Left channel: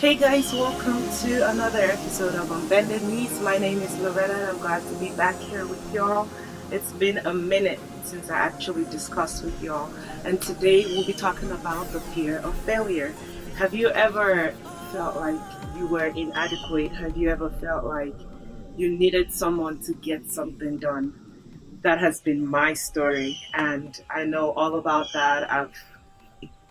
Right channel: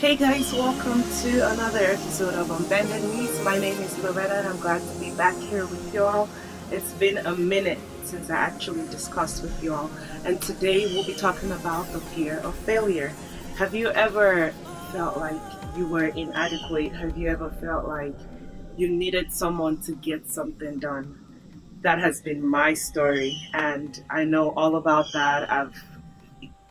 Hey guys, welcome to another episode of Unbended Knees. My name is Loretta and I'm glad to be back here with y'all. It's been a minute since I actually discussed with y'all, and today we'll be talking about the fear of failure. Have you ever felt like you were inadequate? Have you ever felt like you needed someone to get something done? That has been my story, and I know all about that. I've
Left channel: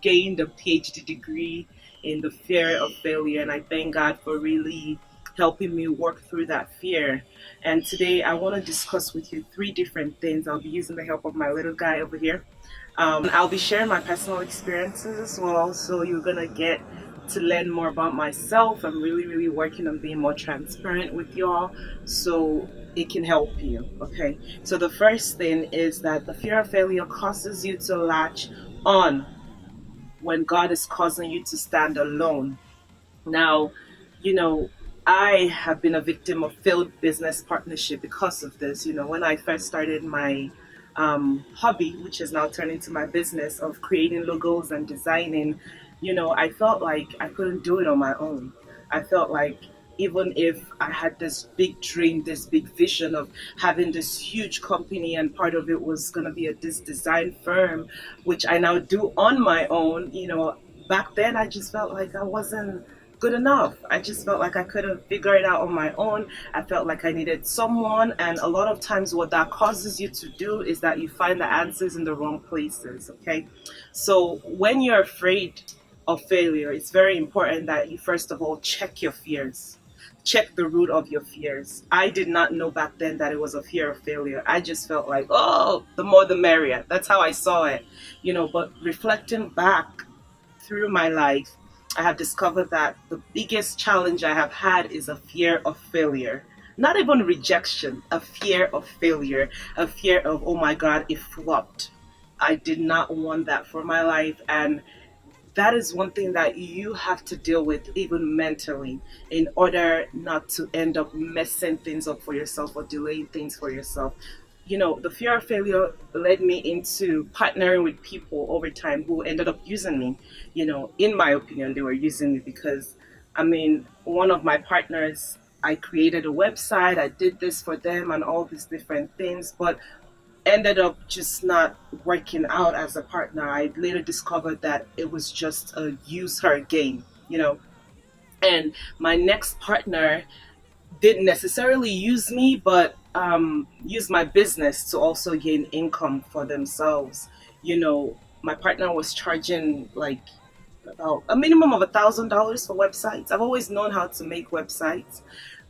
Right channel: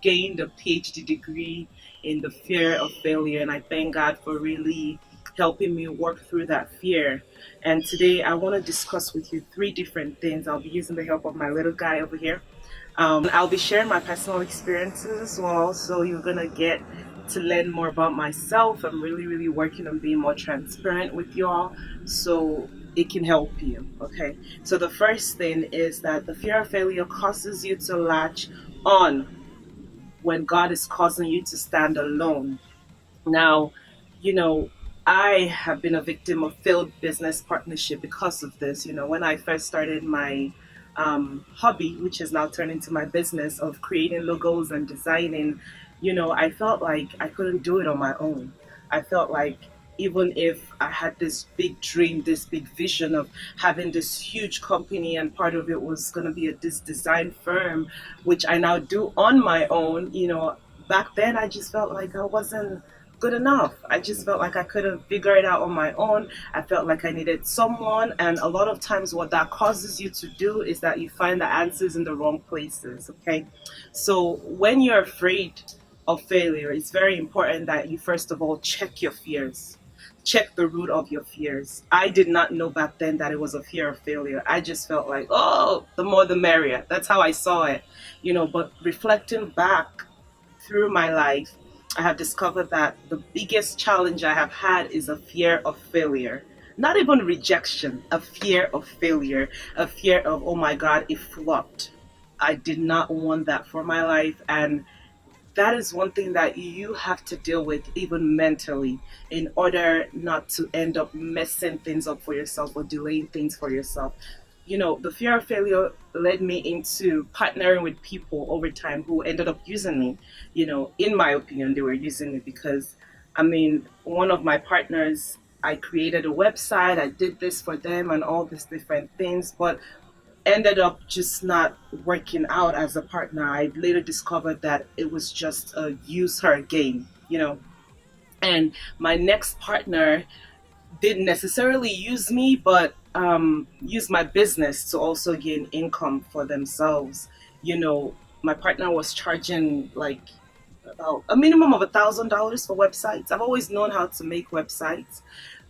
gained a PhD degree in the fear of failure, and I thank God for really helping me work through that fear. And today I want to discuss with you three different things. I'll be using the help of my little guy over here. I'll be sharing my personal experiences as well, so you're gonna get to learn more about myself. I'm really working on being more transparent with y'all, so it can help you. Okay, so the first thing is that the fear of failure causes you to latch on when God is causing you to stand alone. Now, you know, I have been a victim of failed business partnership because of this. When I first started my hobby, which has now turned into my business of creating logos and designing, I felt like I couldn't do it on my own. I felt like even if I had this big dream, this big vision of having this huge company, and part of it was going to be this design firm, which I now do on my own, back then I just felt like I wasn't good enough. I just felt like I couldn't figure it out on my own. I felt like I needed someone. And a lot of times, what that causes you to do is that you find the answers in the wrong places. Okay. So when you're afraid of failure, it's very important that you first of all check your fears. Check the root of your fears. I did not know back then that it was a fear of failure. I just felt like, oh, the more the merrier. That's how I saw it. But reflecting back through my life, I have discovered that the biggest challenge I have had is a fear of failure. Not even rejection, a fear of failure, a fear of, oh my God, it flopped. I did not want that for my life. And that is one thing that you have to deal with, even mentally, in order not to end up messing things up for yourself or delaying things for yourself. The fear of failure led me into partnering with people over time who ended up using me. In my opinion, they were using me because, one of my partners, I created a website, I did this for them and all these different things, but ended up just not working out as a partner. I later discovered that it was just a use her game. And my next partner didn't necessarily use me, but use my business to also gain income for themselves. My partner was charging like about a minimum of $1,000 for websites. I've always known how to make websites,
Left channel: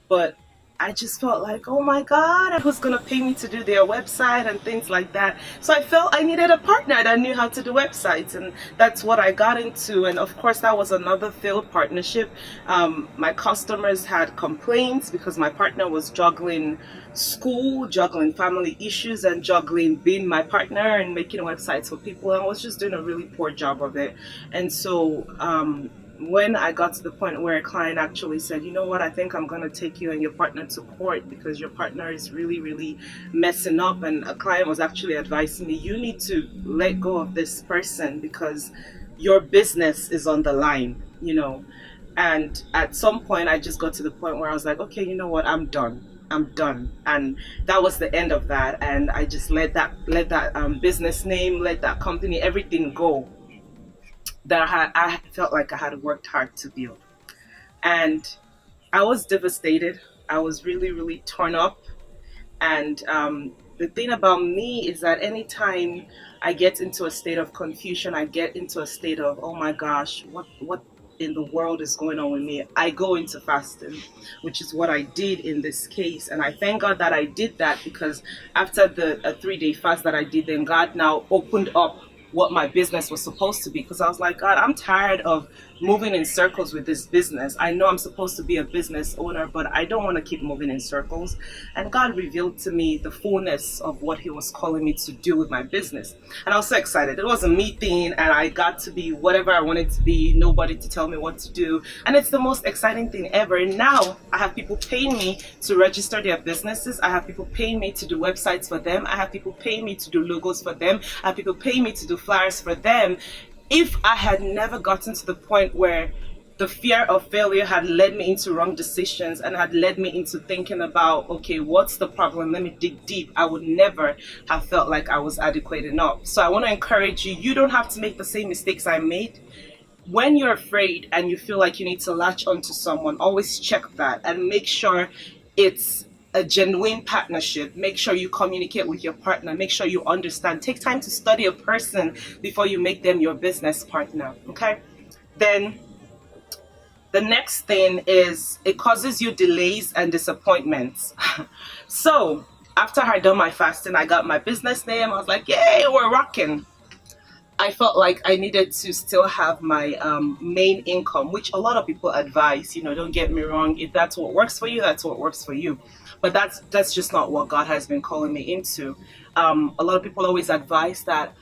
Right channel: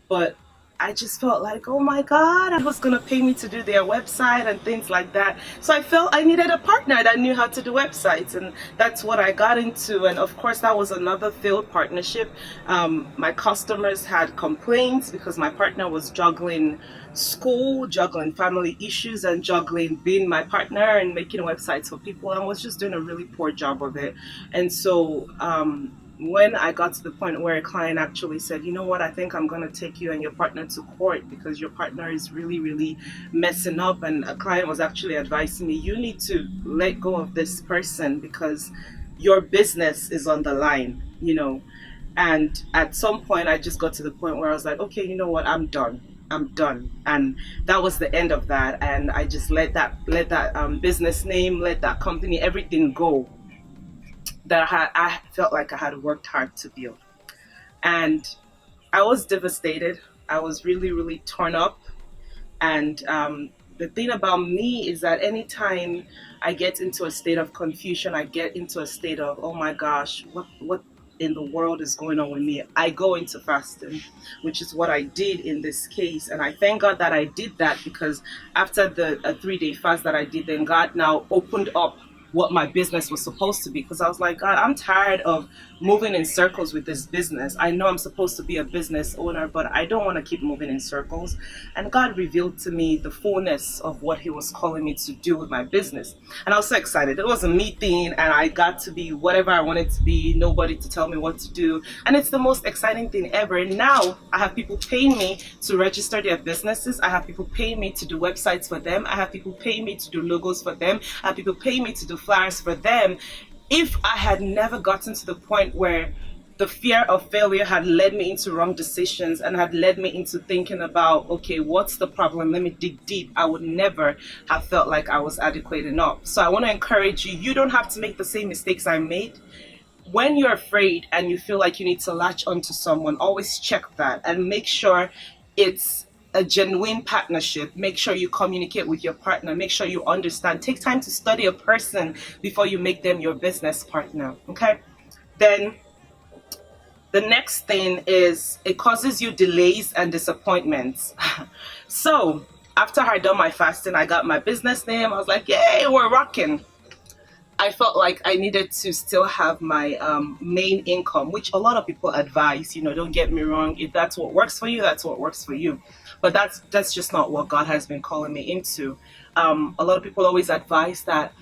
but I just felt like, oh my God, I was gonna pay me to do their website and things like that. So I felt I needed a partner that knew how to do websites, and that's what I got into. And of course, that was another failed partnership. My customers had complaints because my partner was juggling school, juggling family issues, and juggling being my partner and making websites for people, and was just doing a really poor job of it. And so, when I got to the point where a client actually said, you know what, I think I'm going to take you and your partner to court because your partner is really messing up. And a client was actually advising me, you need to let go of this person because your business is on the line. And at some point, I just got to the point where I was like, okay, you know what, I'm done. And that was the end of that. And I just let that business name, let that company, everything go that I felt like I had worked hard to build. And I was devastated. I was really torn up. And the thing about me is that anytime I get into a state of confusion, I get into a state of, oh my gosh, what in the world is going on with me? I go into fasting, which is what I did in this case. And I thank God that I did that, because after the 3-day fast that I did, then God now opened up what my business was supposed to be, because I was like, God, I'm tired of moving in circles with this business. I know I'm supposed to be a business owner, but I don't want to keep moving in circles. And God revealed to me the fullness of what he was calling me to do with my business. And I was so excited. It was a me thing, and I got to be whatever I wanted to be, nobody to tell me what to do. And it's the most exciting thing ever. And now I have people paying me to register their businesses. I have people paying me to do websites for them. I have people paying me to do logos for them. I have people paying me to do flyers for them. If I had never gotten to the point where the fear of failure had led me into wrong decisions and had led me into thinking about, okay, what's the problem? Let me dig deep. I would never have felt like I was adequate enough. So I want to encourage you, you don't have to make the same mistakes I made. When you're afraid and you feel like you need to latch onto someone, always check that and make sure it's a genuine partnership. Make sure you communicate with your partner. Make sure you understand. Take time to study a person before you make them your business partner. Okay? Then the next thing is it causes you delays and disappointments. So after I had done my fasting, I got my business name. I was like, yay, we're rocking. I felt like I needed to still have my main income, which a lot of people advise, don't get me wrong. If that's what works for you, that's what works for you. But that's just not what God has been calling me into. A lot of people always advise that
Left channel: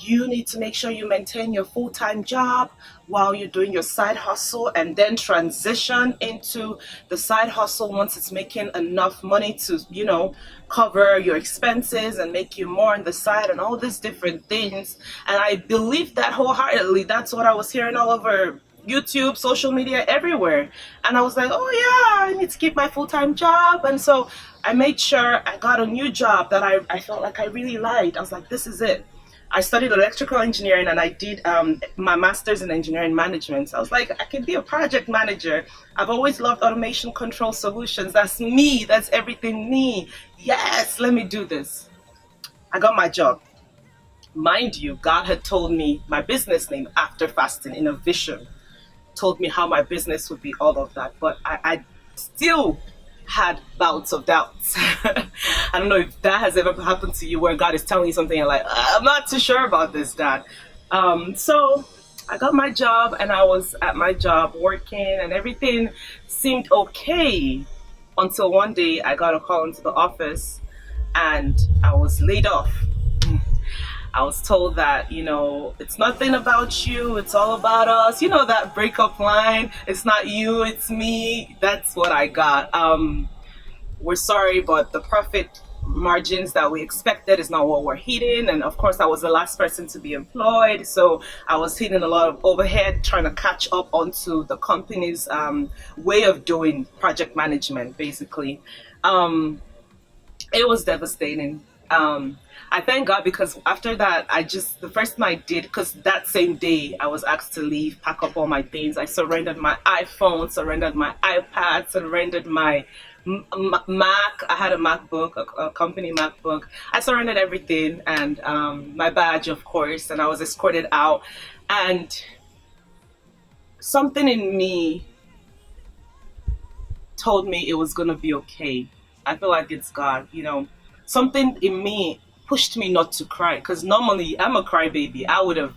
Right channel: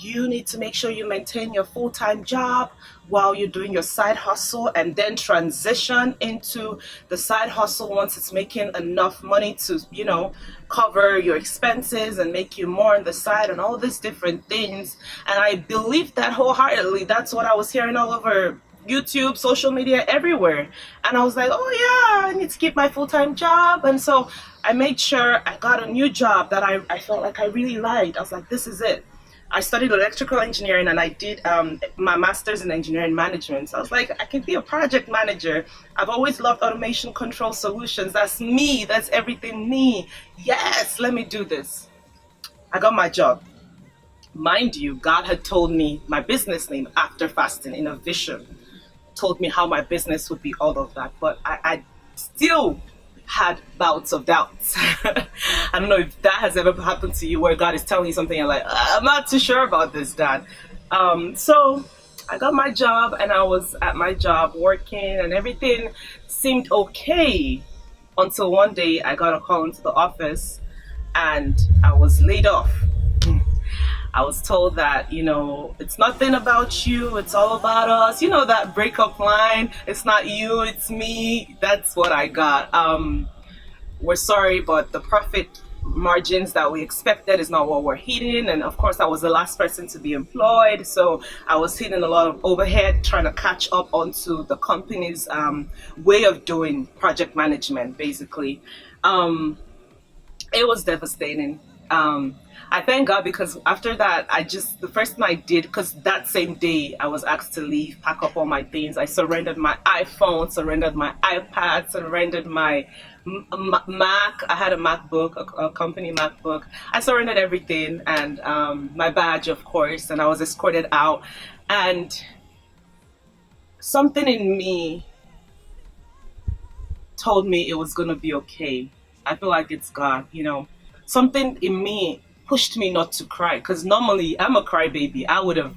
you need to make sure you maintain your full-time job while you're doing your side hustle, and then transition into the side hustle once it's making enough money to, cover your expenses and make you more on the side and all these different things. And I believe that wholeheartedly. That's what I was hearing all over YouTube, social media, everywhere. And I was like, oh yeah, I need to keep my full-time job. And so I made sure I got a new job that I felt like I really liked. I was like, this is it. I studied electrical engineering and I did my master's in engineering management. So I was like, I can be a project manager. I've always loved automation control solutions. That's me. That's everything me. Yes, let me do this. I got my job. Mind you, God had told me my business name after fasting in a vision. Told me how my business would be, all of that. But I still had bouts of doubts. I don't know if that has ever happened to you, where God is telling you something and you're like, I'm not too sure about this, Dad. So I got my job and I was at my job working and everything seemed okay until one day I got a call into the office and I was laid off. I was told that, it's nothing about you, it's all about us. That breakup line, it's not you, it's me. That's what I got. We're sorry, but the profit margins that we expected is not what we're hitting. And of course, I was the last person to be employed. So I was hitting a lot of overhead, trying to catch up onto the company's way of doing project management, basically. It was devastating. I thank God, because after that, the first thing I did, because that same day I was asked to leave, pack up all my things. I surrendered my iPhone, surrendered my iPad, surrendered my Mac. I had a MacBook, a company MacBook. I surrendered everything, and my badge, of course, and I was escorted out. And something in me told me it was going to be okay. I feel like it's God, Something in me pushed me not to cry, because normally I'm a crybaby. I would have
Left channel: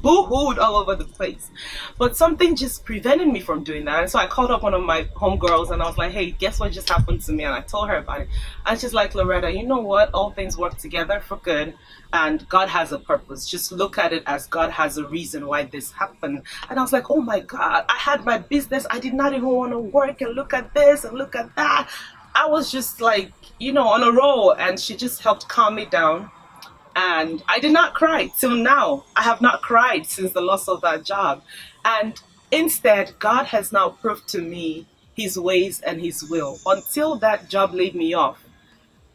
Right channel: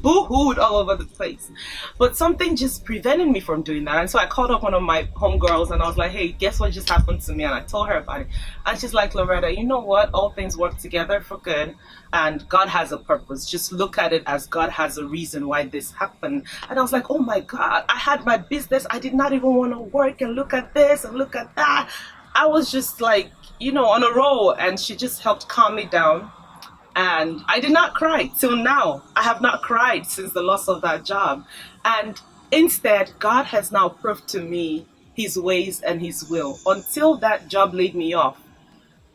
boo-hooed all over the place, but something just prevented me from doing that. And so I called up one of my homegirls and I was like, hey, guess what just happened to me? And I told her about it, and she's like, Loretta, you know what, all things work together for good, and God has a purpose. Just look at it as God has a reason why this happened. And I was like, oh my God, I had my business, I did not even want to work, and look at this and look at that. I was just like, on a roll, and she just helped calm me down. And I did not cry till now. I have not cried since the loss of that job. And instead, God has now proved to me his ways and his will. Until that job laid me off,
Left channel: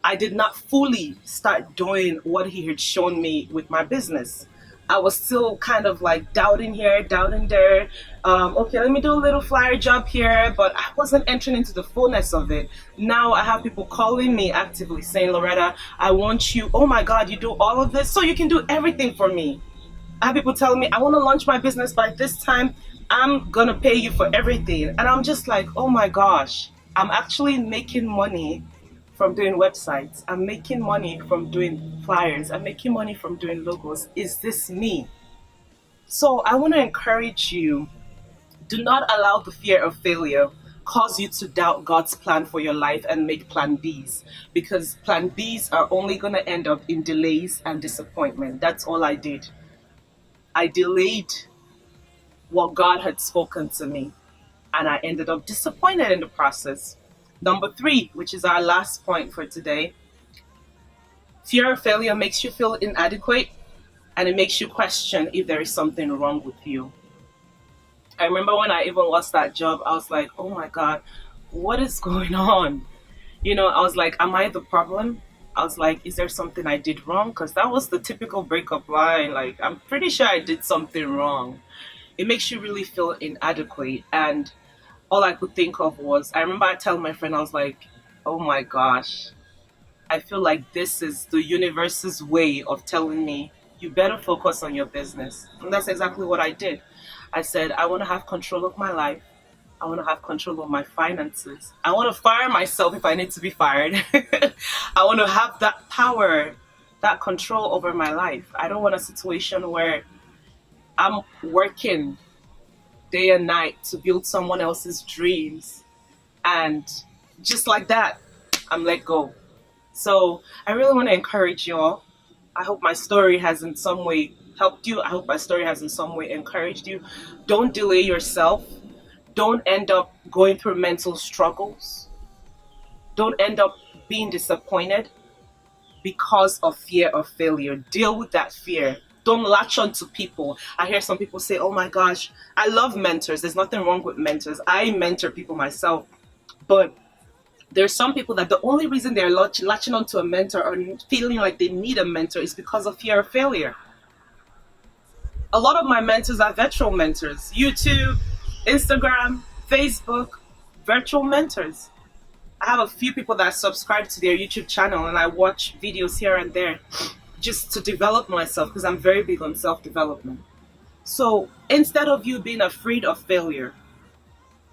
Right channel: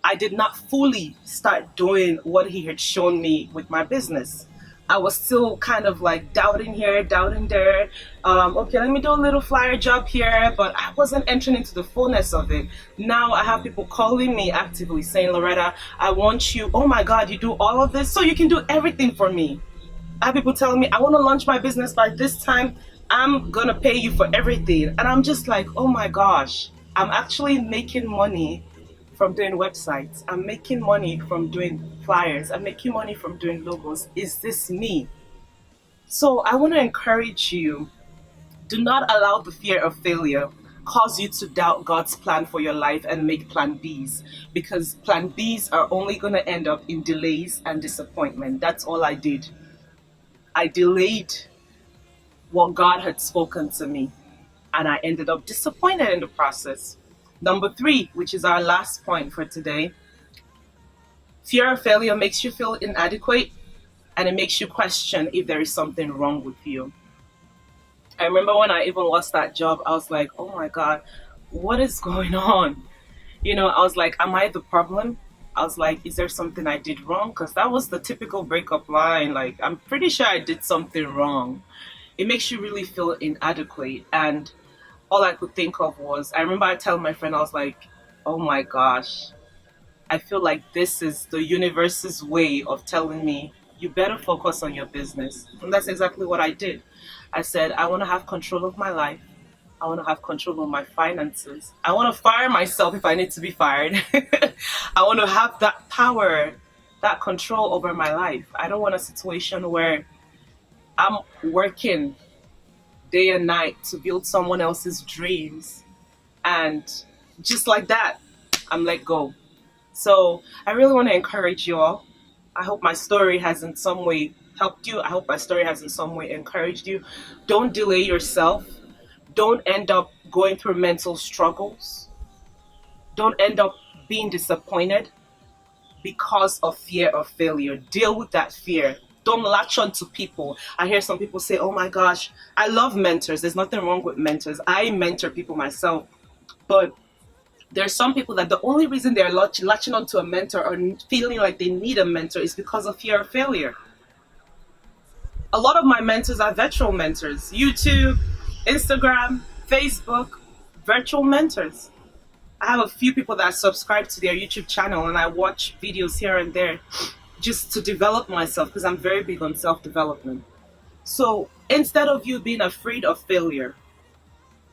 I did not fully start doing what he had shown me with my business. I was still kind of like doubting here, doubting there. Okay, let me do a little flyer job here, but I wasn't entering into the fullness of it. Now I have people calling me actively saying, Loretta, I want you. Oh my God, you do all of this, so you can do everything for me. I have people telling me, I want to launch my business by this time. I'm going to pay you for everything. And I'm just like, oh my gosh, I'm actually making money from doing websites. I'm making money from doing flyers. I'm making money from doing logos. Is this me? So I want to encourage you, do not allow the fear of failure cause you to doubt God's plan for your life and make plan Bs, because plan Bs are only going to end up in delays and disappointment. That's all I did. I delayed what God had spoken to me, and I ended up disappointed in the process. Number 3, which is our last point for today, fear of failure makes you feel inadequate, and it makes you question if there is something wrong with you. I remember when I even lost that job, I was like, oh my God, what is going on? I was like, am I the problem? I was like, is there something I did wrong? Because that was the typical breakup line. Like, I'm pretty sure I did something wrong. It makes you really feel inadequate. And all I could think of was, I remember I telling my friend, I was like, oh my gosh, I feel like this is the universe's way of telling me you better focus on your business. And that's exactly what I did. I said, I want to have control of my life. I want to have control of my finances. I want to fire myself if I need to be fired. I want to have that power, that control over my life. I don't want a situation where I'm working day and night to build someone else's dreams. And just like that, I'm let go. So I really want to encourage you all. I hope my story has in some way helped you. I hope my story has in some way encouraged you. Don't delay yourself. Don't end up going through mental struggles. Don't end up being disappointed because of fear of failure. Deal with that fear. Don't latch on to people. I hear some people say, oh my gosh, I love mentors. There's nothing wrong with mentors. I mentor people myself. But there's some people that the only reason they're latching onto a mentor or feeling like they need a mentor is because of fear of failure. A lot of my mentors are virtual mentors. YouTube, Instagram, Facebook, virtual mentors. I have a few people that subscribe to their YouTube channel and I watch videos here and there just to develop myself because I'm very big on self-development. So instead of you being afraid of failure,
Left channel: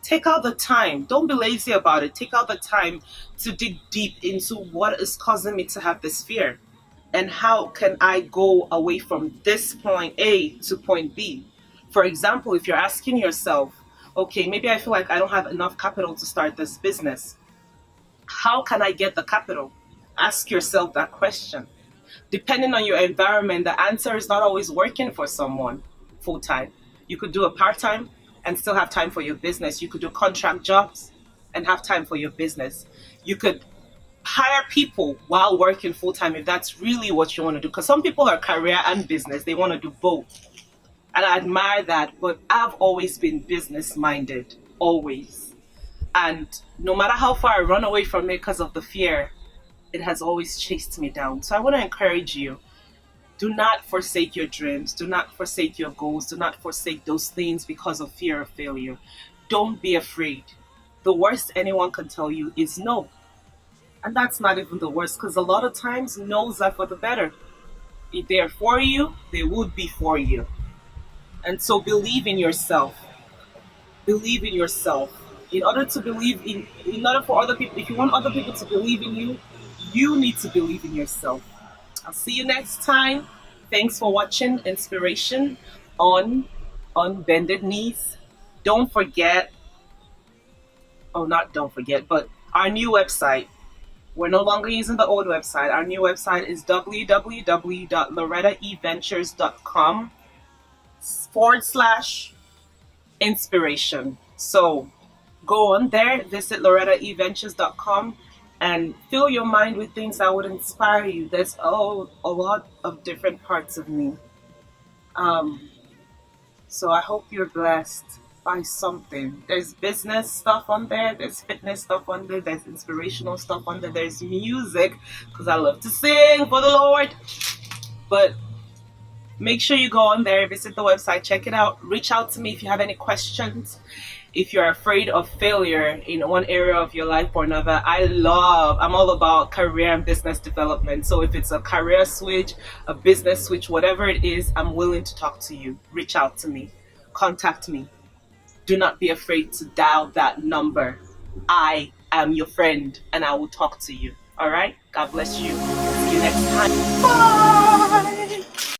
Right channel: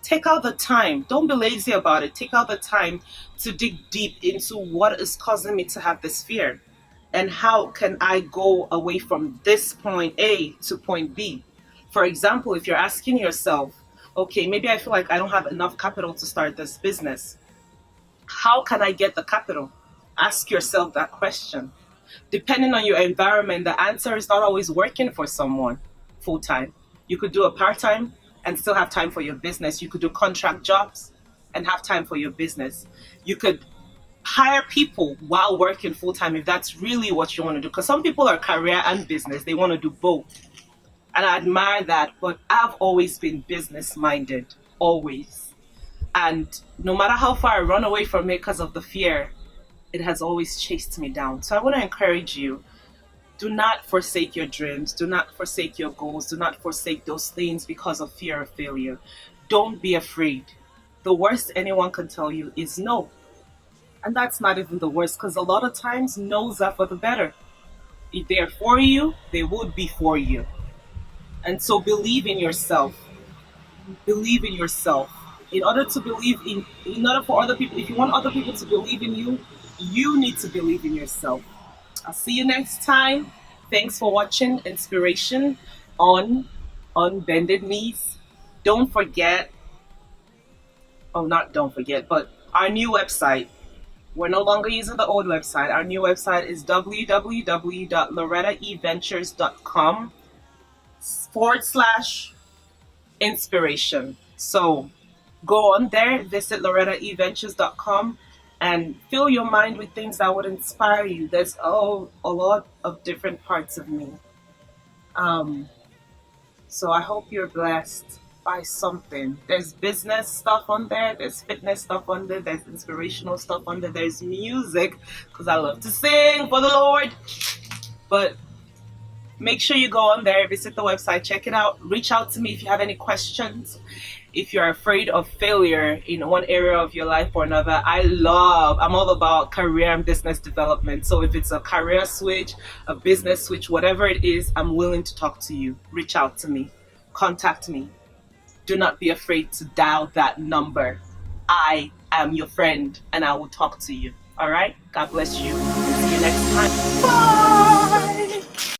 take out the time. Don't be lazy about it. Take out the time to dig deep into what is causing me to have this fear and how can I go away from this point A to point B. For example, if you're asking yourself, okay, maybe I feel like I don't have enough capital to start this business. How can I get the capital? Ask yourself that question. Depending on your environment, the answer is not always working for someone full-time. You could do a part-time and still have time for your business. You could do contract jobs and have time for your business. You could hire people while working full-time if that's really what you want to do. Because some people are career and business. They want to do both. And I admire that. But I've always been business-minded. Always. And no matter how far I run away from it because of the fear, it has always chased me down. So I want to encourage you. Do not forsake your dreams. Do not forsake your goals. Do not forsake those things because of fear of failure. Don't be afraid. The worst anyone can tell you is no. And that's not even the worst because a lot of times no's are for the better. If they're for you, they would be for you. And so believe in yourself. Believe in yourself. In order for other people, if you want other people to believe in you, you need to believe in yourself. I'll see you next time. Thanks for watching Inspiration on Bended Knees. Don't forget, but our new website. We're no longer using the old website. Our new website is www.loretta'sventures.com/inspiration. So go on there, visit Loretta'sventures.com and fill your mind with things that would inspire you. There's a lot of different parts of me. So I hope you're blessed by something. There's business stuff on there, there's fitness stuff on there, there's inspirational stuff on there, there's music, because I love to sing for the Lord. But make sure you go on there, visit the website, check it out, reach out to me if you have any questions. If you're afraid of failure in one area of your life or another, I'm all about career and business development. So if it's a career switch, a business switch, whatever it is, I'm willing to talk to you. Reach out to me. Contact me. Do not be afraid to dial that number. I am your friend and I will talk to you. All right? God bless you and see you next time. Bye!